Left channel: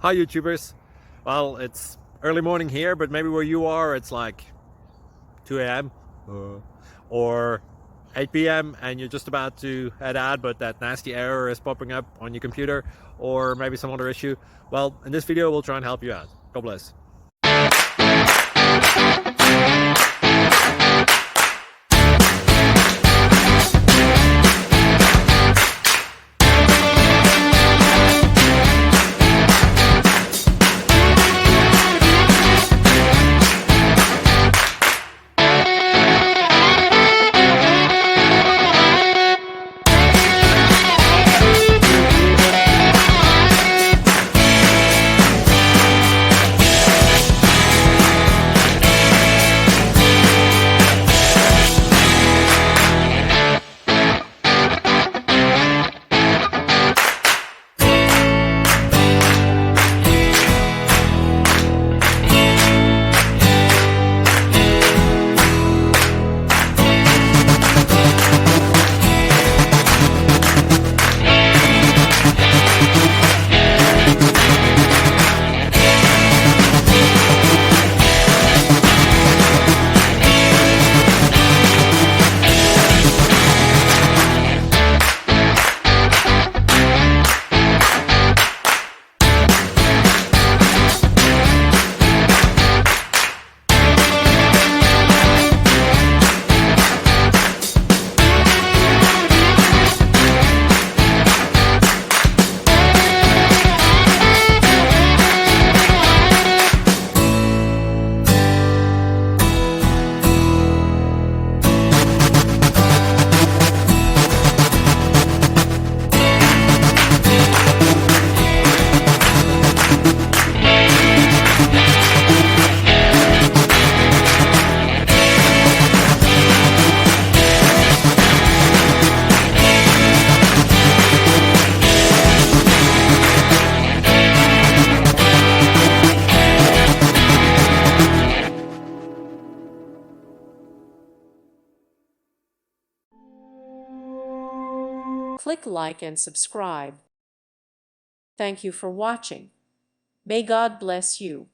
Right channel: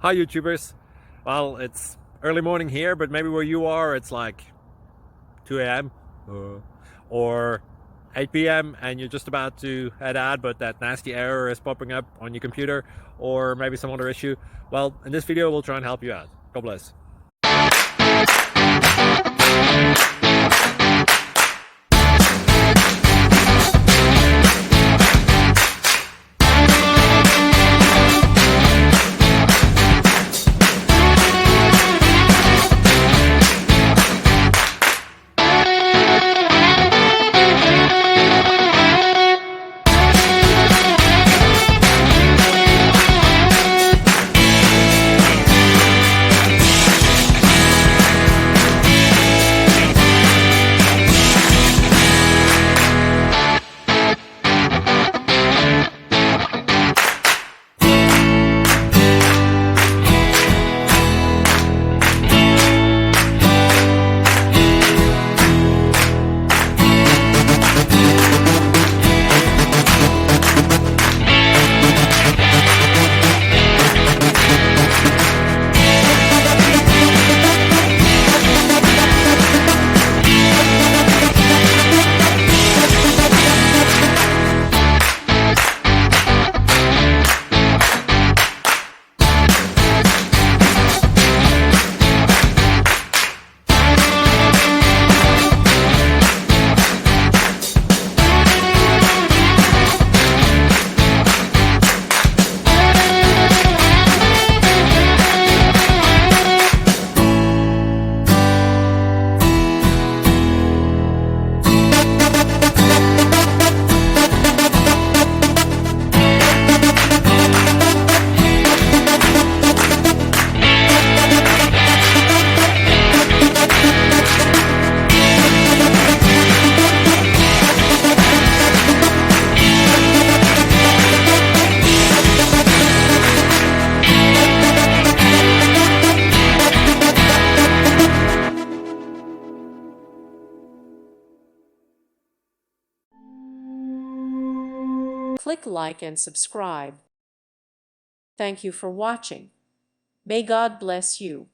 Hi YouTubers. Well, it's early morning here, but maybe where you are it's like 2 a.m. Or 8 p.m. and you're just about to head out, but that nasty error is popping up on your computer, or maybe some other issue. Well, in this video we'll try and help you out. God bless. Click like and subscribe. Thank you for watching. May God bless you.